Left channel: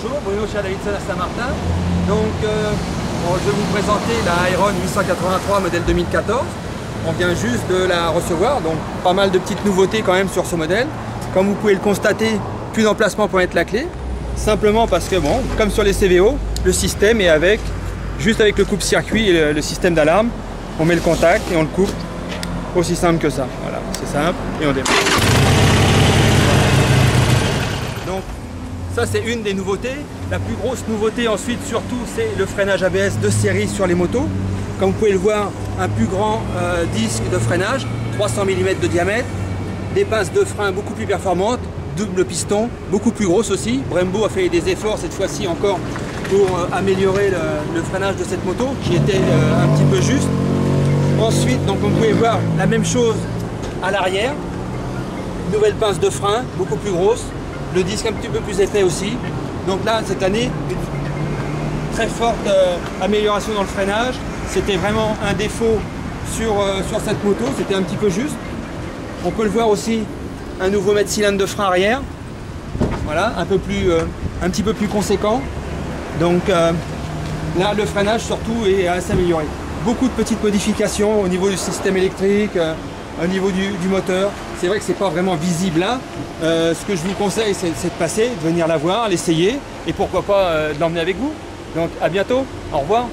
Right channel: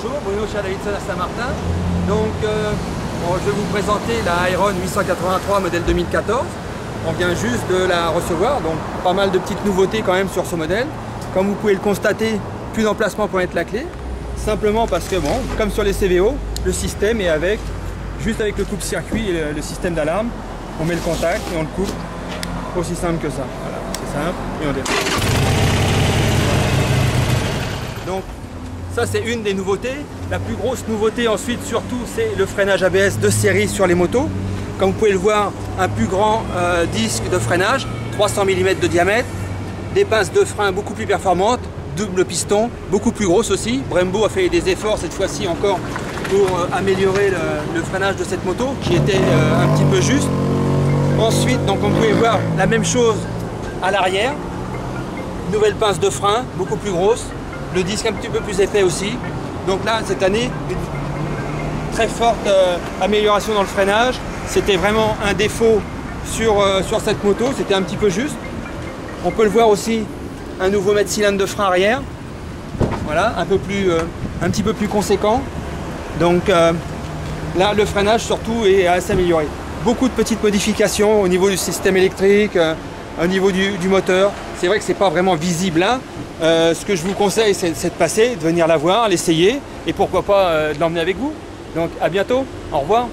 Bonjour, Bruno Davidson à Saint-Martin. Donc, je vais vous présenter la Iron 883 modèle 2014. On vient juste de la recevoir, donc pas mal de petites nouveautés quand même sur ce modèle. Comme vous pouvez le constater, plus d'emplacement pour mettre la clé. Simplement parce que, bon, comme sur les CVO, le système est juste avec le coupe-circuit et le système d'alarme. On met le contact et on le coupe. Aussi simple que ça. Voilà, c'est simple et on démarre. Donc, ça c'est une des nouveautés. La plus grosse nouveauté ensuite surtout c'est le freinage ABS de série sur les motos. Comme vous pouvez le voir, un plus grand disque de freinage, 300 mm de diamètre, des pinces de frein beaucoup plus performantes, double piston, beaucoup plus grosses aussi. Brembo a fait des efforts cette fois-ci encore pour améliorer le freinage de cette moto qui était un petit peu juste. Ensuite, donc on pouvait voir la même chose à l'arrière, nouvelle pince de frein, beaucoup plus grosse, le disque un petit peu plus épais aussi. Donc là, cette année, une très forte amélioration dans le freinage. C'était vraiment un défaut sur cette moto, c'était un petit peu juste. On peut le voir aussi, un nouveau mètre cylindre de frein arrière, voilà, un petit peu plus conséquent. Donc là, le freinage surtout est assez amélioré. Beaucoup de petites modifications au niveau du système électrique, au niveau du moteur. C'est vrai que c'est pas vraiment visible là. Ce que je vous conseille, c'est de passer, de venir la voir, l'essayer et pourquoi pas de l'emmener avec vous. Donc à bientôt, au revoir.